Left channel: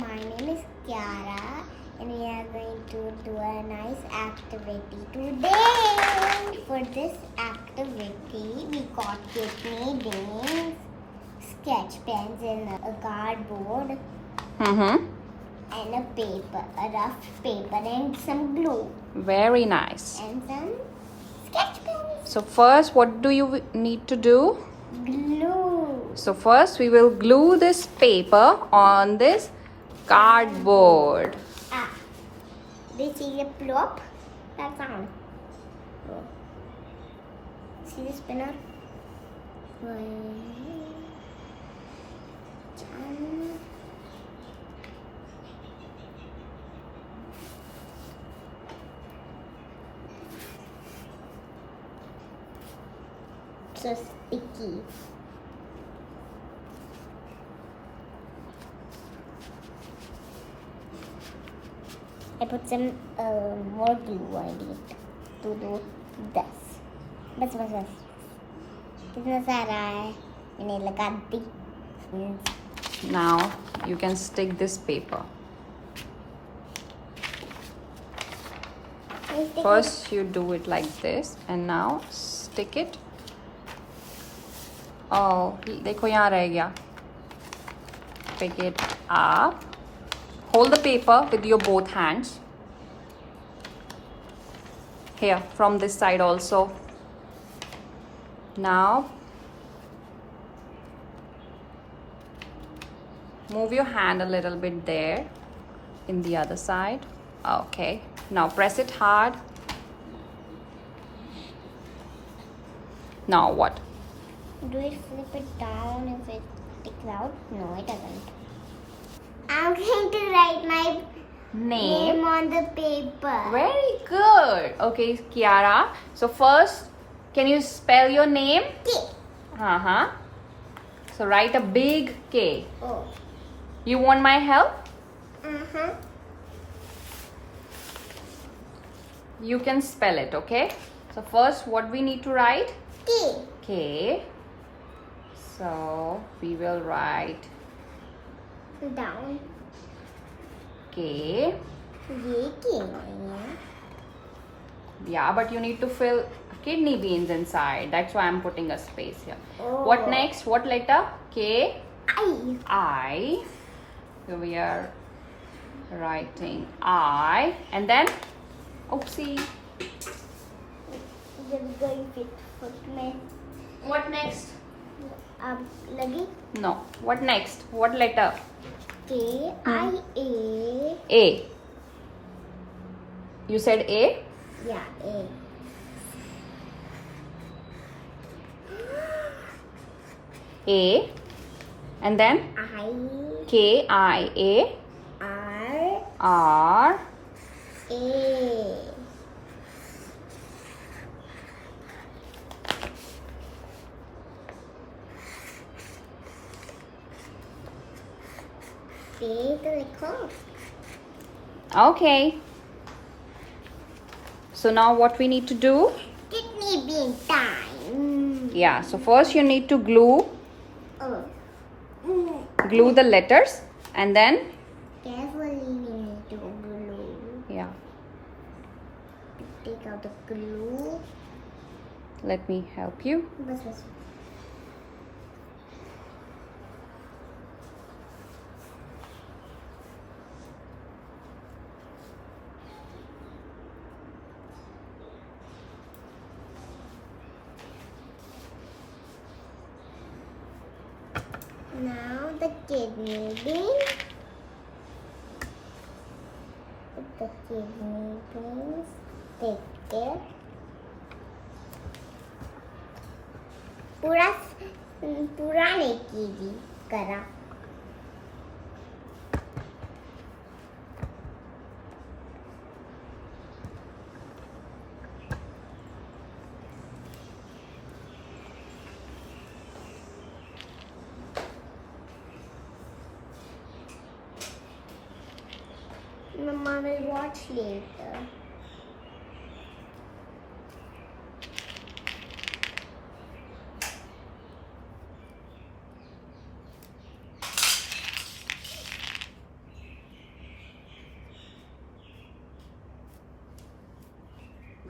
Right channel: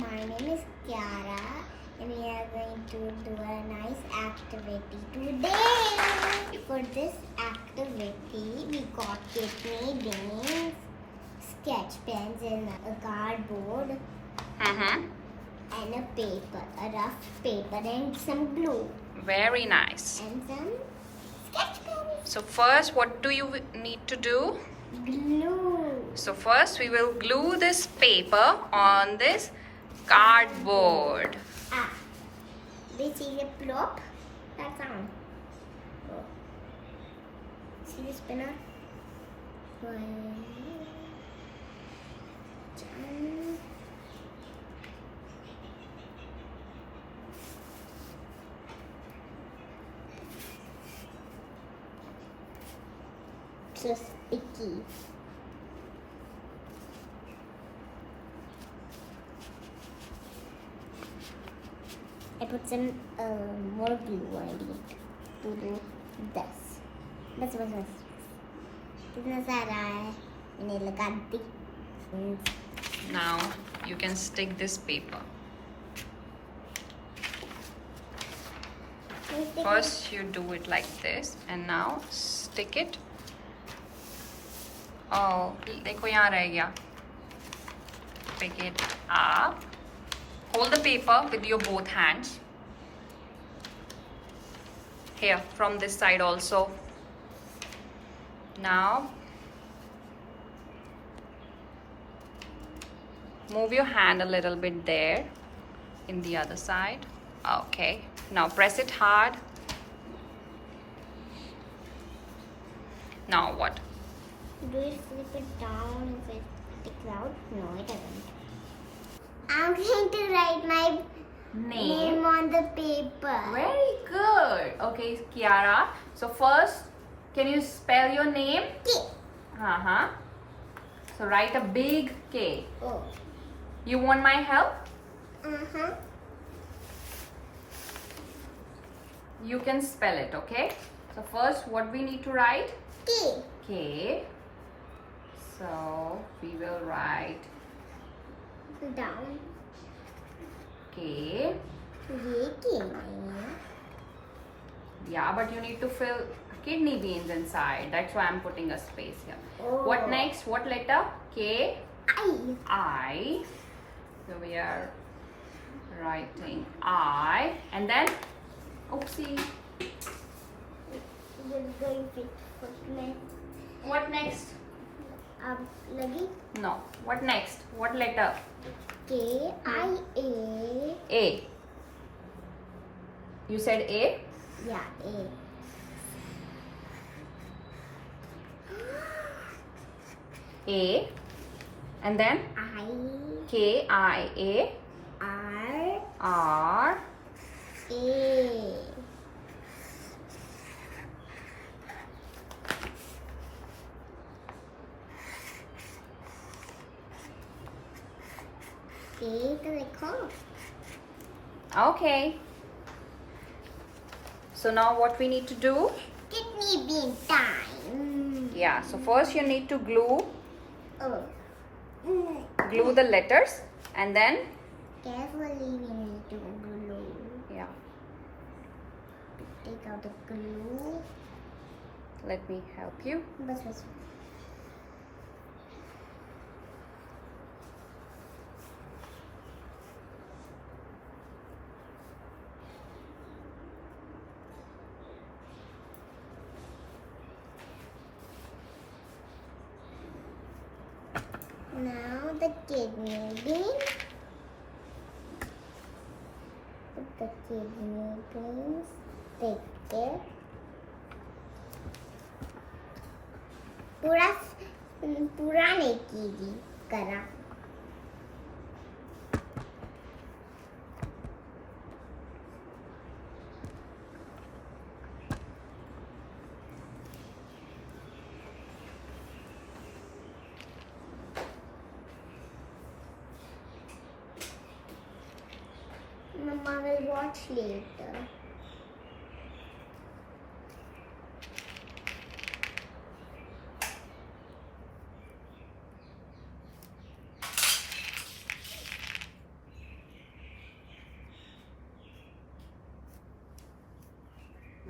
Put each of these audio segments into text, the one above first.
my name is Kiara and we are going to do a nice activity today. For this activity, we got kidney beans, sketch pens and a cardboard and a paper, a rough paper and some glue. Very nice. And some sketch pens. So first, what do you need to do? Glue. So first we will glue this paper on this cardboard. They see the plop? That sound. Oh. See the spinner? So sticky. I put some more glue on it to do this. बस कितना सारा है मैंने लगा दी. Now you can stick this paper. First you do it like this and now stick it. Oh, देखो यहाँ रह गया. Pick it up. Hold the paper with your both hands. Here, from this side also. Now, move your hand a little bit there in the other side. Okay. Now press it hard. Now what? Do it flip it down if it sticks out? No, it doesn't. I'm going to write my name on the paper. Very good. Okay, Kiara. So first, can you spell your name? K. So write a big K. Oh. You want my help? You can spell it, okay? So first, what we need to write? K. K. So we will write Down. K. ये K नहीं है. Yeah, but you need to fill kidney beans inside. That's why I'm putting a space here. Oh. What next? What letter? K. I. I. So we are writing I. And then, oopsie. Just going to put my. What next? लगी. No. What next? What letter? K I A. A. You said A? Yeah, A. A. And then I. K I A R. R A. A to recall. Okay. So now what we need to do? Kidney bean time. Yeah, so first you need to glue Oh. the letters and then Carefully we need to glue. yeah, Take out the glue. let me help you. बस. Now the kidney bean. Put the kidney beans. Take care. पूरा नहीं कीजिए करा. Mama will watch later.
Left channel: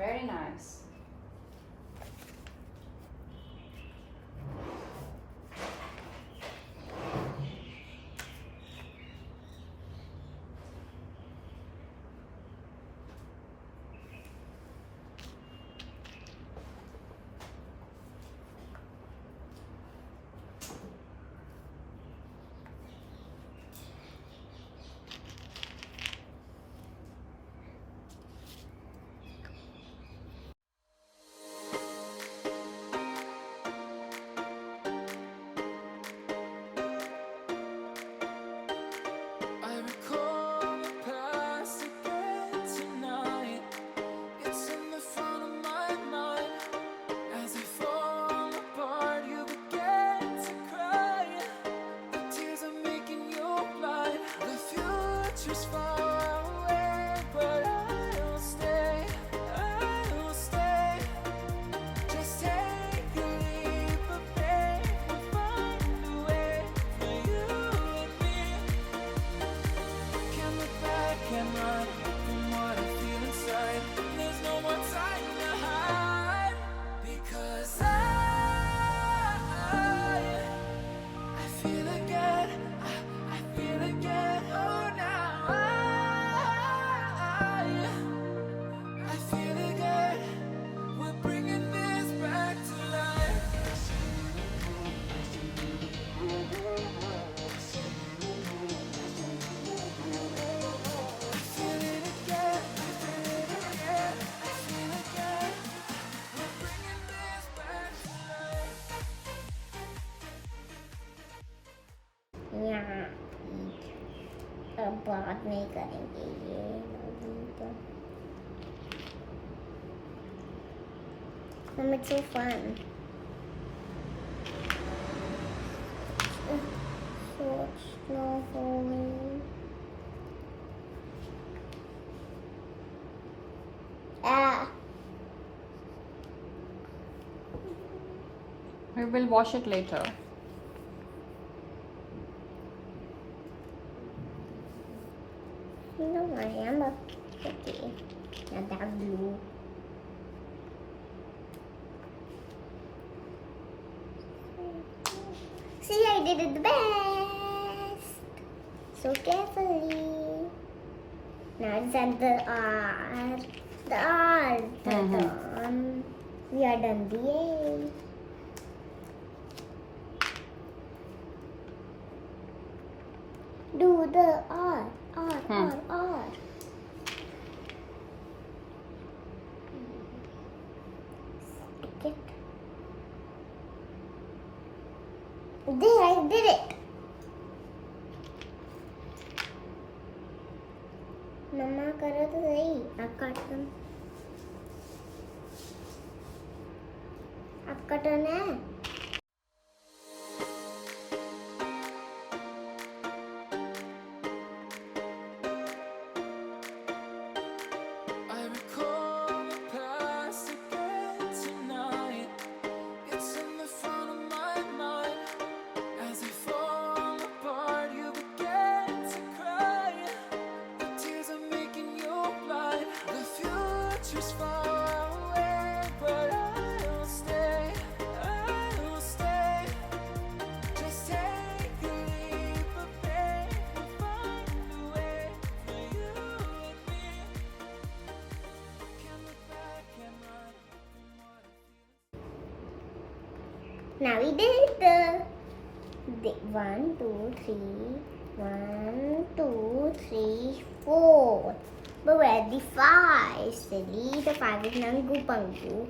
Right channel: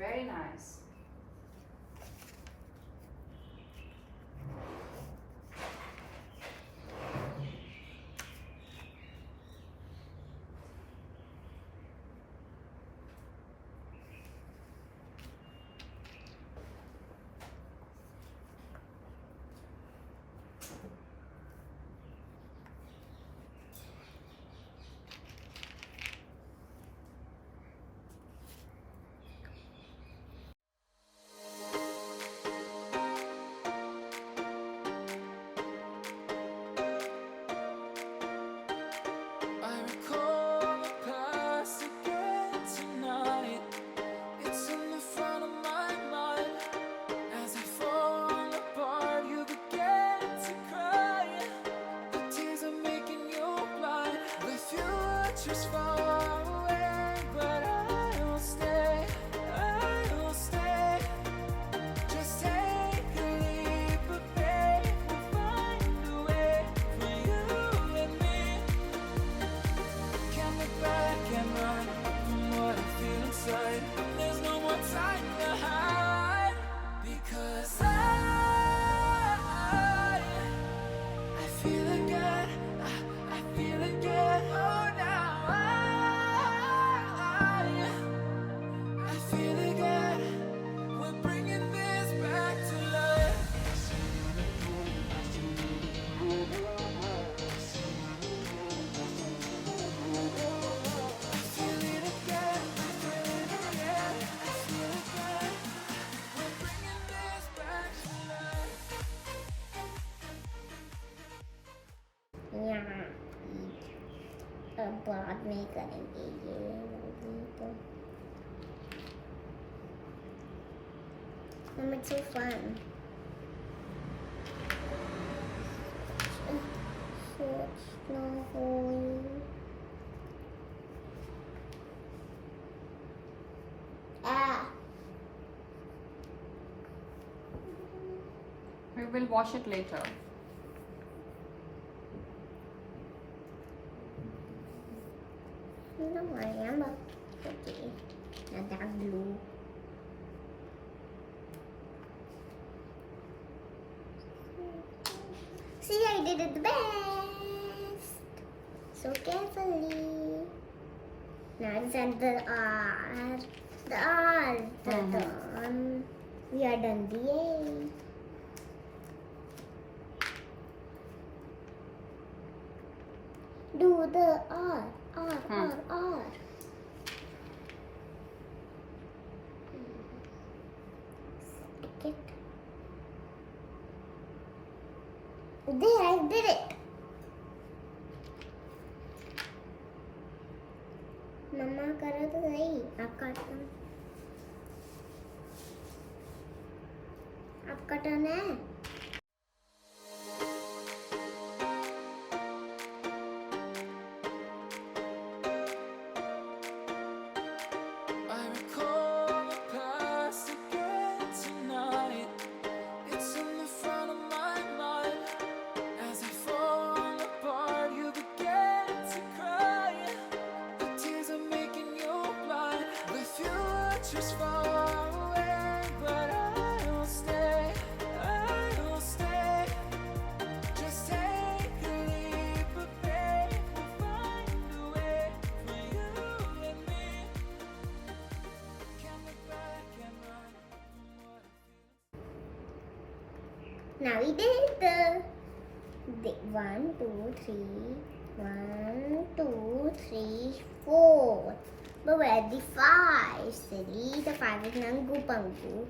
Very nice. I recall the past again tonight. It's in the front of my mind. As I fall apart, you began to cry. The tears are making you blind. The future's far away, but I'll stay. I'll stay. Just take a leap of faith. We'll find a way for you and me. Can't look back and run from what I feel inside. There's no more time to hide, because I feel again. I feel again. Oh, now I feel again. We're bringing this back to life. I feel it again. I feel it again. I feel again. We're bringing this back to life. यहाँ अब बाद में करेंगे ये अभी तो it's so fun. So it's no going. Ah. We will wash it later. No, I am okay. Not that blue. See, I did it the best. So carefully. Now it's at the R. The R. We are done the A. Do the R. R. Stick it. There, I did it. मम्मा करो तो सही. आप काटो. आपका turn है. I recall the past again tonight. It's in the front of my mind. As I fall apart, you began to cry. The tears are making you blind. The future's far away, but I'll stay. I'll stay. Just take a leap of faith. We'll find a way for you and me. Can't look back and run from what I feel. Now we did the 1, 2, 3. 1, 2, 3, 4. But where the 5? Silly. The 5 is Nangu Pangu.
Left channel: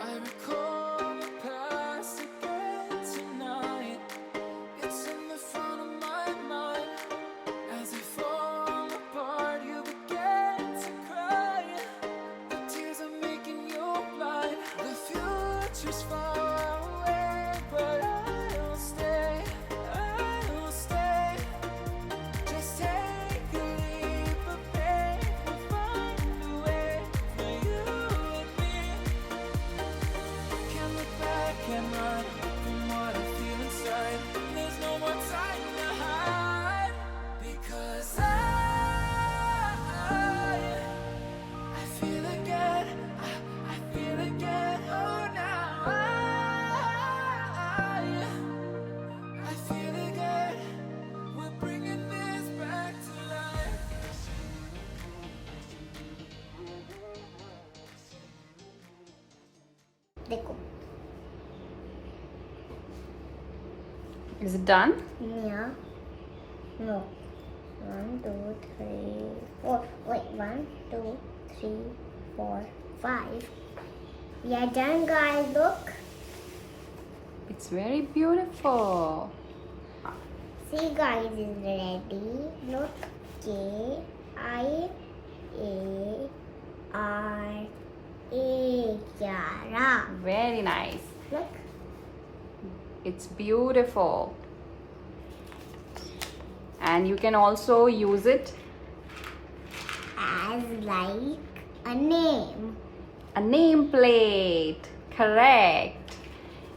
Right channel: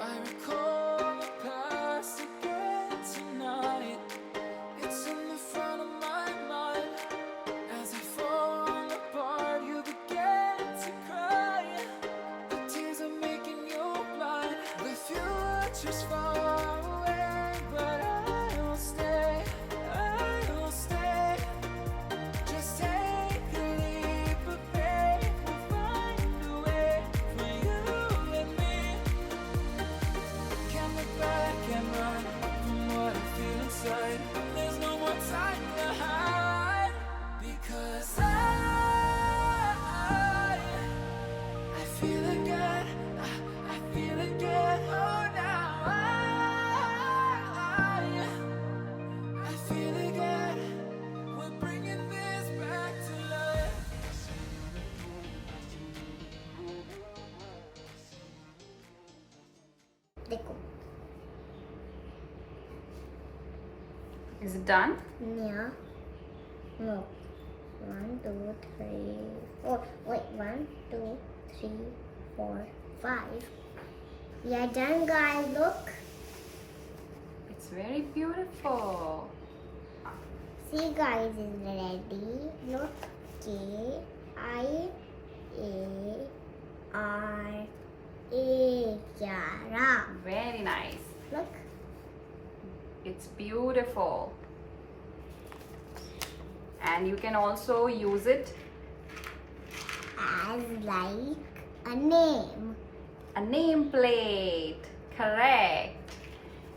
I recall the past again tonight. It's in the front of my mind. As I fall apart, you began to cry. The tears are making you blind. The future's far away, but I'll stay. I'll stay. Just take a leap of faith. We'll find a way for you and me. Can't देखो. Is it done? Yeah. No. 1, 2, 3, 4. Wait, 1, 2, 3, 4, 5. We are done, guys. Look. It's very beautiful. See, guys, is ready. Look. K-I-A-R-A. Kiara. Very nice. Look. It's beautiful. And you can also use it As like a name. a nameplate. Correct.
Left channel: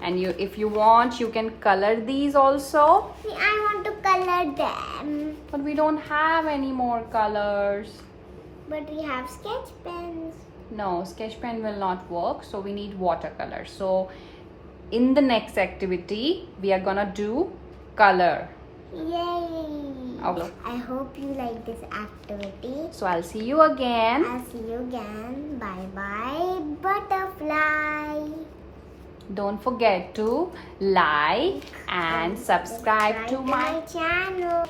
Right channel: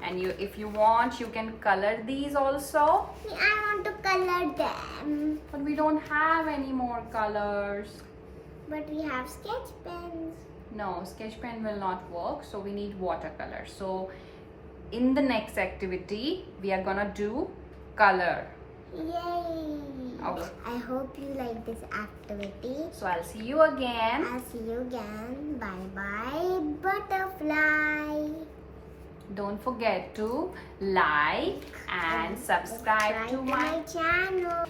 And if you want, you can color these also. I want to color them. But we don't have any more colors. But we have sketch pens. No, sketch pen will not work. So we need watercolor. So in the next activity, we are gonna do color. Yay! Okay. I hope you like this activity. So I'll see you again. I'll see you again. Bye bye, butterfly. Don't forget to like and subscribe to my channel.